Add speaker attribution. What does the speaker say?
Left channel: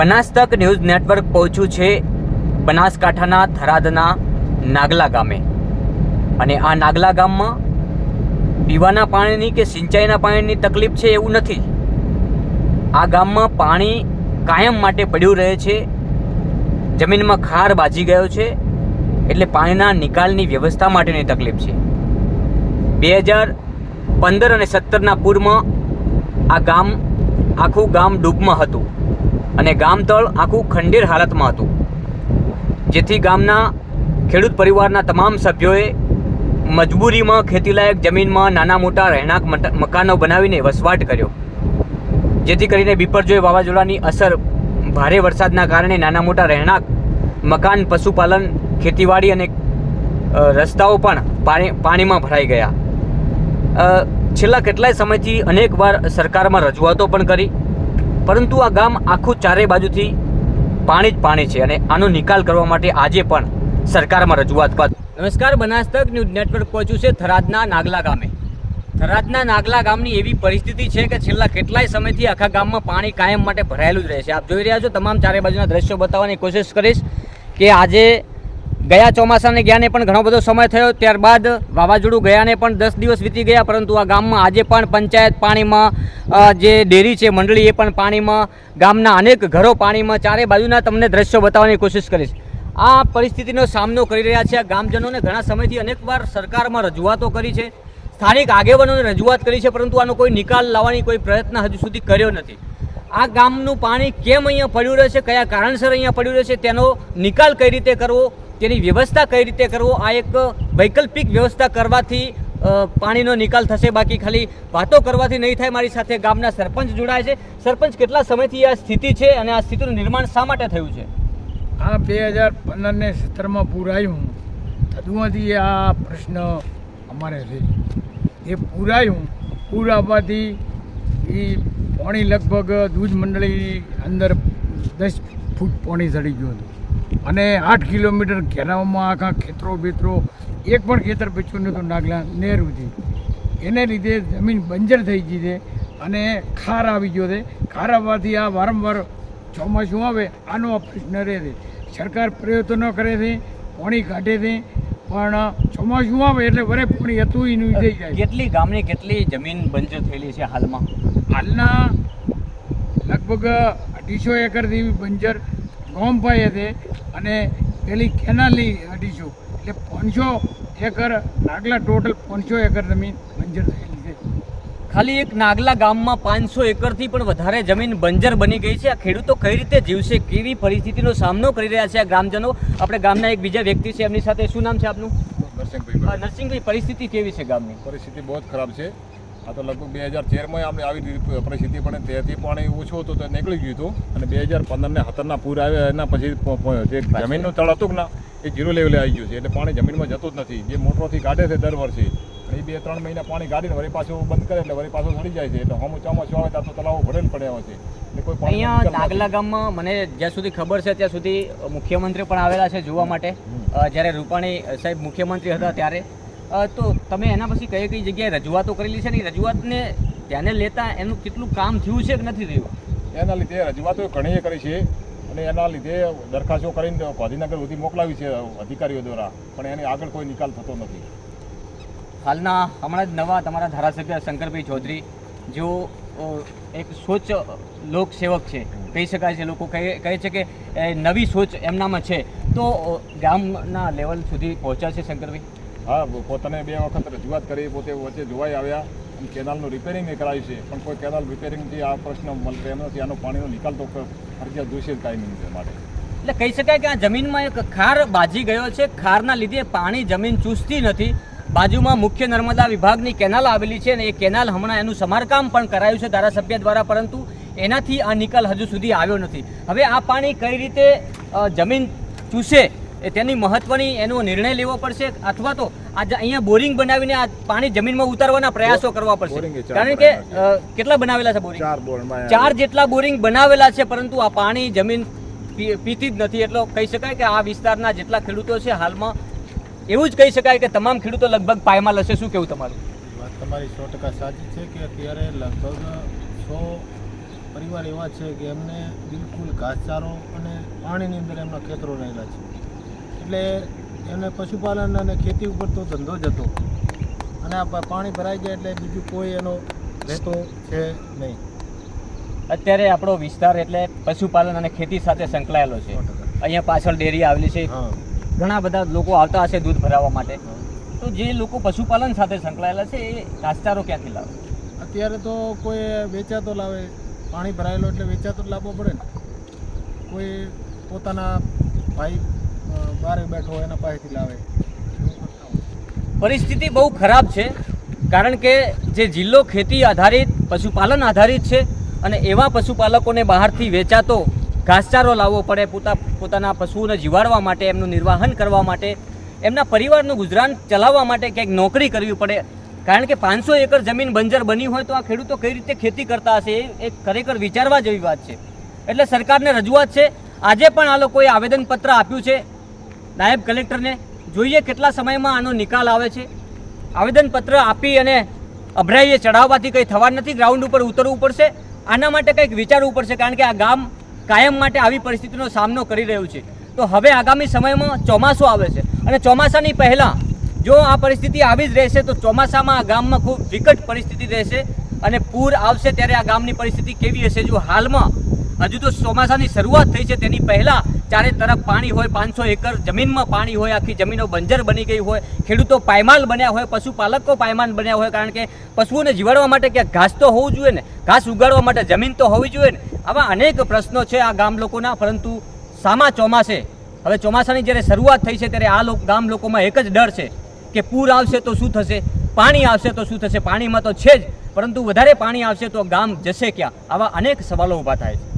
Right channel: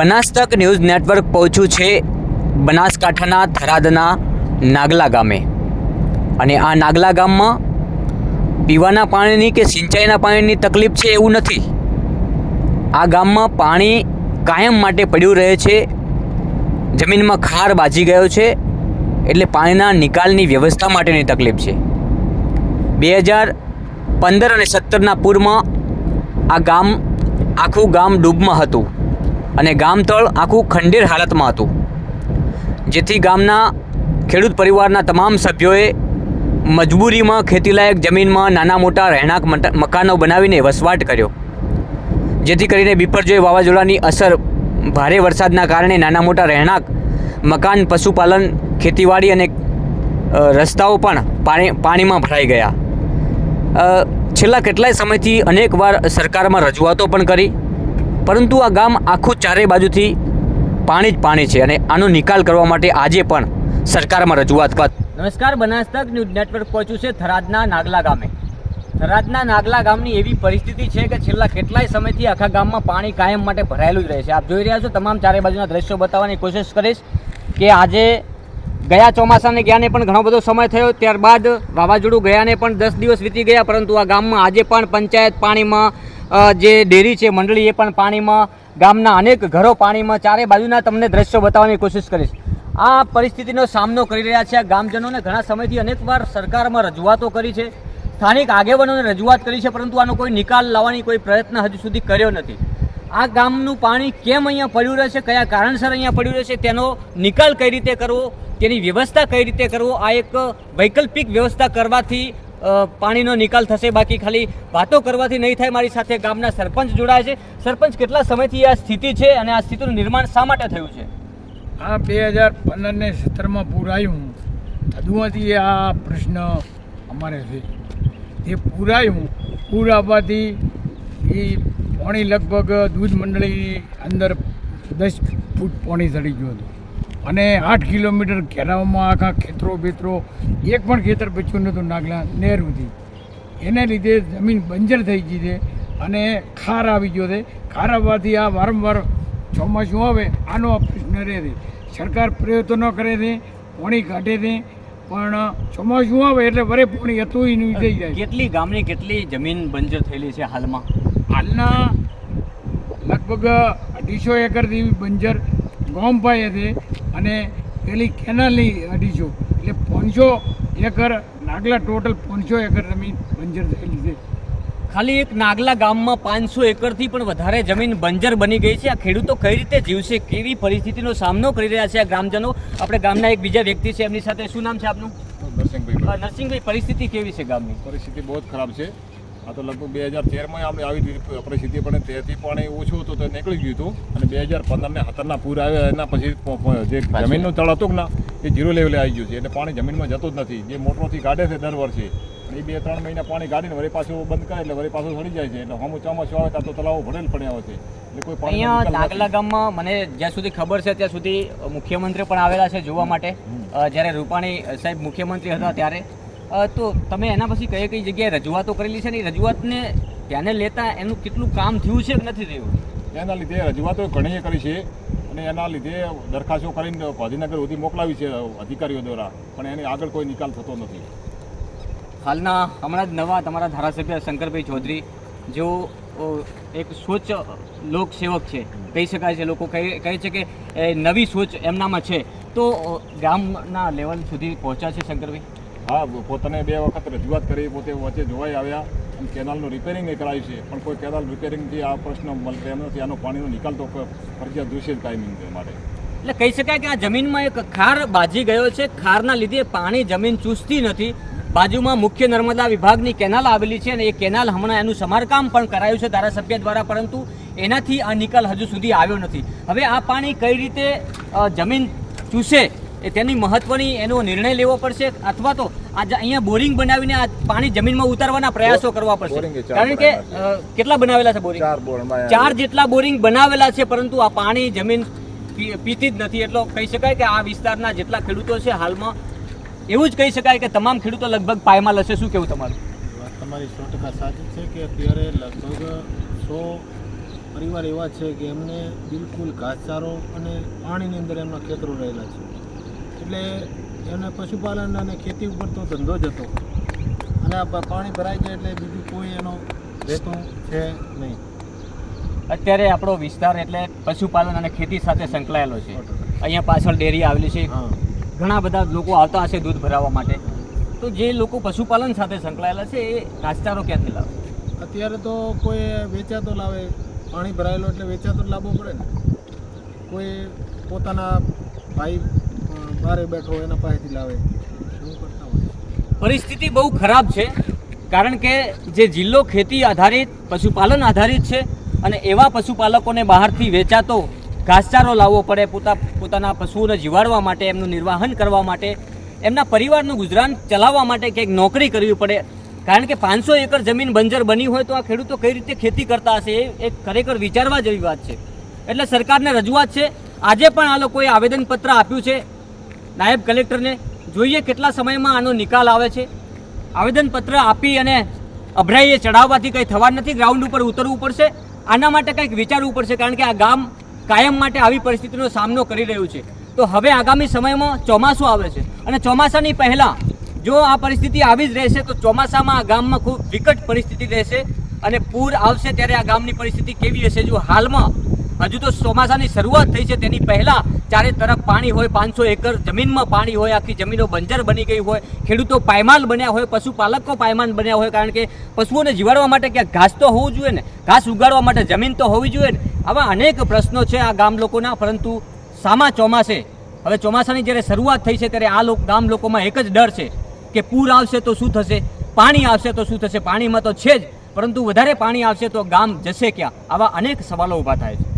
Speaker 1: બનાસ તક news network પહોંચ્યું છે બનાસકાંઠાના થરાદના નાગલા ગામે. અને આ નાગલા ગામમાં પીવાના પાણીની કે સિંચાઈના પાણીની તકલીફ છે એવું નથી. આ ગામમાં પાણી કાયમ માટે પડ્યું રહે છે. જમીનમાં ખાર બાજી ગયો છે. એટલે પાણીના નિકાલની વ્યવસ્થા માટેની તકલીફ છે. બે હજાર પંદર અને સત્તરના પૂરમાં આ ગામ આખું ગામ ડૂબમાં હતું. અને ગામતળ આખું ખંડેર હાલતમાં હતું, જેથી ગામના ખેડૂત પરિવારના તમામ સભ્યોએ મજબૂરીમાં ખેતીલાયક જમીનમાં નાના મોટા રહેણાંક મકાનો બનાવીને વસવાટ કર્યો. જેથી કરીને બિપરજોય વાવાઝોડાની અસર ભારે વરસાદના કારણે નાના મોટા રહેણાંક, મકાન, પશુપાલન, ખેતીવાડી અને રસ્તાઓ પણ પાણી, પાણીમાં ભરાઈ ગયા. છેલ્લા કેટલાય સમયથી અનેકવાર સરકારમાં રજૂઆતો પણ કરી પરંતુ આ ગામ આખું ચારે બાજુથી પાણી જ પાણી છે અને આનો નિકાલ કરવા માટે આજે પણ સરકારમાં રજૂઆત બાદ નમસ્કાર બનાસ તક ન્યૂઝ નેટવર્ક પહોંચ્યું છે થરાદના નાગલા ગામે. થરાદના નાગલા ગામની એવી પરિસ્થિતિ છે કે છેલ્લા કેટલાય સમયથી આખા ગામમાં પાણી કાયમ માટે ભરાયેલું જ રહે છે. આપ જોઈ રહ્યા છો તમામ ચારે બાજુના દ્રશ્યો બતાવવાની કોશિશ કરીશ કે આજે ગયા ચોમાસાને ગયાને પણ ઘણો બધો સમય થયો. ત્યારબાદ વાવાઝોડું ગયાને પણ દસ દિવસ વીતી ગયા, પરંતુ આ ગામમાં આજે પણ પંચાયત પાણીમાં જે ડેરી છે, મંડળી એ પણ પાણીમાં, ગામના અનેક ઘરો પાણીમાં, ચારે બાજુના તમને દ્રશ્યો બતાવવાની કોશિશ કરીશ. આ પરિસ્થિતિનો સામનો કરી રહ્યા છે આ ગામજનોને ઘણા સમયથી અનેકવાર સરકારમાં રજૂઆતો કરી છે. સ્થાનિક આગેવાનોને રજૂઆત કરી છે, પરંતુ આનો કોઈ નિકાલ લાવવાની કોઈ પ્રયત્ન હજુ સુધી કર્યો નથી. આ ગામનું પાણી કેમ અહીંયા પડ્યું રહેશે, કયા કારણસર અહીંયા પડ્યું રહે છે તેનો નિકાલ કઈ રીતે કરવો? તેની વ્યવસ્થા કઈ રીતે કરવો? આ એક વૈકલ્પિક વ્યવસ્થા કરવાથી પાણીનો નિકાલ થશે. બાકી ખાલી વાતો કરવાથી નહીં થાય. મારી સાથે ગામના સરપંચ જોડાય છે. સરપંચ, કેટલા સમયથી આ સ્થિતિ છે અને આ સ્થિતિનું નિર્માણ શા માટે થયું છે?
Speaker 2: આ બે હજાર પંદરને સત્તરમાં પૂર આવ્યું તદુમાંથી આ પ્રશ્ન અમારે છે. એ પૂર આવ્યું પૂર આવવાથી એ પાણી લગભગ દૂધ મંડળીની અંદર દસ ફૂટ પાણી ચડી ગયું હતું. અને આઠ કિલોમીટર ઘેરાવમાં આખા ખેતરો બેતરો એક પણ ખેતર બચ્યું નહોતું નાગલા નહેરુથી. એને લીધે જમીન બંજર થઈ ગઈ છે અને ખાર આવી ગયો છે. ખાર આવવાથી આ વારંવાર ચોમાસું આવે આનો આ પ્રશ્ન રહે છે. સરકાર પ્રયત્નો કરે છે પાણી કાઢે છે પણ ચોમાસું આવે એટલે વરે પાણી હતું એનું થઈ જાય.
Speaker 1: કેટલી ગામની કેટલી જમીન બંજર થયેલી છે હાલમાં?
Speaker 2: હાલના લગભગ અઢીસો એકર જેવી બંજર ગોમભાઈ હતી અને પેલી કેનાલની અઢીસો એટલે પાંચસો એકર નાગલા ટોટલ પાંચસો એકર જમીન બંજર થયેલી છે.
Speaker 1: ખાલી એક નાગલા ગામમાં પાંચસો એકરથી પણ વધારે જમીન બંજર બની ગઈ છે. આ ખેડૂતો કઈ રીતે જીવશે કેવી પરિસ્થિતિનો સામનો કરી રહ્યા છે આ ગ્રામજનો? આપણે ગામના એક બીજા વ્યક્તિ છે એમની સાથે શું નામ છે આપનું?
Speaker 3: નરસિંહભાઈ.
Speaker 1: નરસિંહભાઈ પરિસ્થિતિ કેવી છે ગામની?
Speaker 3: પરિસ્થિતિ બહુ જ ખરાબ છે. આ તો લગભગ બે હજાર તેરમાં આપણે આવી પરિસ્થિતિ પણ તેથી પાણી ઓછું હતું તો નીકળી ગયું હતું. અને બે હજાર પંદરને હતરના પૂર આવ્યા એના પછી જે જમીનનું તળ હતું ને એ જીરો લેવલે આવી ગયું છે. એટલે પાણી જમીનમાં જતું જ નથી. જે મોટરોથી કાઢે છે દર વર્ષે. અને એ બે ત્રણ મહિના પાણી કાઢીને વળી પાછું બંધ કરે એટલે વળી પાછું સડી જાય છે. એટલે હમ ચોમાસું આવે તો તળાવો ભરેલ પડ્યા હોય છે. એટલે કોઈ
Speaker 1: અહીંયા નાગલા ગામમાં મને જ્યાં સુધી ખબર છે ત્યાં સુધી મુખ્યમંત્રી પણ આવેલા છે જોવા માટે. જ્યારે રૂપાણી સાહેબ મુખ્યમંત્રી હતા ત્યારે તો તમે એના પછી કઈ કઈ જગ્યાએ રજૂઆતો કરેલી છે ને એ રજૂઆતને ધ્યાને લેતા એનું કેટલું કામ થયું છે કે નથી થયું?
Speaker 3: એના લીધે રજૂઆતો ઘણી કરી છે અને એના લીધે દરખાસ્તો કરીને ગાંધીનગર સુધી મોકલાવી છે અધિકારીઓ દ્વારા પણ એની આગળ કોઈ નિકાલ થતો નથી.
Speaker 1: હાલના હમણાં જ નવા તમારા ધારાસભ્ય શંકરભાઈ ચૌધરી જેઓ એક સોચ લોકસેવક છે કહી શકાય છે લોકો કહે કહે છે કે એ નવી સોચ એમનામાં છે. તો ગામના લેવલ સુધી પહોંચ્યા છે શંકરભાઈ?
Speaker 3: હા પોતાને બે વખત રજૂઆત કરી, પોતે વચ્ચે જોવાઈ આવ્યા અને કેનાલનું રિપેરિંગ એ કરાવ્યું છે. પણ કોઈ કેનાલ રિપેરિંગથી આ પ્રશ્ન મળતો નથી. આનો પાણીનો નિકાલ તો ફરજિયાત જોઈશે ટાઈમિંગ માટે.
Speaker 1: એટલે કહી શકાય કે આ જમીનમાં એક ખાર બાજી ગયો છે. ખારના લીધે પાણી જમીન ચૂસતી નથી. બાજુમાં મુખ્ય નર્મદા વિભાગની કેનાલ આવેલી છે અને એ કેનાલ હમણાં એનું સમારકામ પણ કરાયું છે ધારાસભ્ય દ્વારા, પરંતુ એનાથી આ નિકાલ હજુ સુધી આવ્યો નથી. હવે આ પાણી કઈ રીતે જમીન ચૂસે તેની મહત્વની એનો નિર્ણય લેવો પડશે અથવા તો આ અહીંયા બોરિંગ બનાવીને આ પાણી જમીનમાં ઉતારવાના પ્રયાસો કરવા પડશે. કારણ કે કેટલા બનાવેલા છે બોરિંગ?
Speaker 3: ચાર
Speaker 1: જેટલા બોરિંગ બનાવેલા છે પરંતુ આ પાણી જમીન પી- પીતી જ નથી. એટલો કહી શકાય કે આ વિસ્તારના જેટલા ખેડૂતો છે હાલમાં એવું જ કહી શકાય કે તમામ ખેડૂતો લગભગ પાયમાલ હશે શું કેવું તમારું?
Speaker 4: તમારી સો ટકા સાચી છે કે અત્યારે લગભગ સો પરિવાર એવા છે કે એમને બિલકુલ ઘાસચારો અને પાણીની અંદર એમના ખેતરો રહેલા છે. એટલે એમને પશુપાલન અને ખેતી ઉપર તો ધંધો જ હતો. અને આ પાણી ભરાઈ જાય એટલે બીજું કોઈ એનો રહેતો છે નહીં.
Speaker 1: અત્યારે આપણો વિસ્તાર એટલે પશુપાલન અને ખેતી સાથે સંકળાયેલો છે. અહીંયા પાછળ ડેરી આવેલી છે.
Speaker 4: હા.
Speaker 1: ઘણા બધા લોકો આવતા હશે દૂધ ભરાવવા માટે. તો જે લોકો પશુપાલન સાથે સંકળાયેલા છે એ ઘાસચારો ક્યાંથી લાવે?
Speaker 4: અત્યારે તો કોઈ વેચાતો લાવે. પાણી ભરાયેલો એટલે વેચાતો લાવવો પડે ને. કોઈ પોતાના ભાઈ બારે બેઠો એના પાસેથી લાવે.
Speaker 1: પરિસ્થિતિ બહુ ખરાબ છે, કારણ કે જે જિલ્લો ખેતી આધારિત, પશુપાલન આધારિત છે અને એવા પશુપાલકોને બહારથી વેચાતો ઘાસચારો લાવવો પડે, પોતા, પોતાના પશુઓને જીવાડવા માટે, એમનું નિર્વાહન કરવા માટે, એમના પરિવારનું ગુજરાન ચલાવવા માટે ક્યાંક નોકરી કરવી પડે. કારણ કે પાંચસો એકર જમીન બંજર બની હોય તો આ ખેડૂતો કઈ રીતે ખેતી કરતા હશે એ ખરેખર વિચારવા જેવી વાત છે. એટલે સરકારને રજૂઆત છે, આજે પણ આ લોકોએ આવેદનપત્ર આપ્યું છે નાયબ કલેક્ટરને જોઈએ કેટલા સમયમાં આનો નિકાલ આવે છે. આવેદનપત્ર આપી અને અભરાઈએ ચઢાવવાથી કંઈ થવા નથી, ગ્રાઉન્ડ ઉપર ઉતરવું પડશે. આના માટે કંઈક વિચારવું પડશે, કારણ કે આ ગામ કાયમ માટે આવી પરિસ્થિતિનો સામનો કરી રહ્યું છે. તો હવે આગામી સમયમાં ચોમાસું આવે છે. અને ચોમાસાની પહેલાં જો આ પરિસ્થિતિ આવી જ રહેશે, તો ચોમાસામાં આ ગામમાં ખૂબ વિકટ પરિસ્થિતિ રહેશે અને પૂર આવશે ત્યારે આ ગામની પરિસ્થિતિ કેવી હશે? જો હાલમાં હજુ તો ચોમાસાની શરૂઆત થઈ છે. તેની પહેલાં ચારે તરફ પાણી હોય, પાંચસો એકર જમીનમાં પાણી હોય, આખી જમીનો બંજર બની ગઈ હોય, ખેડૂતો પાયમાલ બન્યા હોય, પશુપાલકો પાયમાલ બન્યા હોય, કારણ કે પશુઓને જીવાડવા માટે ક્યાંક ઘાસ તો હોવું જોઈએ ને, ઘાસ ઉગાડવા માટે જમીન તો હોવી જોઈએ ને. આવા અનેક પ્રશ્નો છે આ ગામ લોકોના, પરંતુ સામા ચોમાસે, હવે ચોમાસાની જ્યારે શરૂઆત થઈ છે, ત્યારે આ ગામ લોકોમાં એક જ ડર છે કે પૂર આવશે તો શું થશે, પાણી આવશે તો શું થશે, પાણીમાં તો છે જ, પરંતુ વધારે પાણી આવશે તો ગામ જશે ક્યાં? આવા અનેક સવાલો ઊભા થાય છે.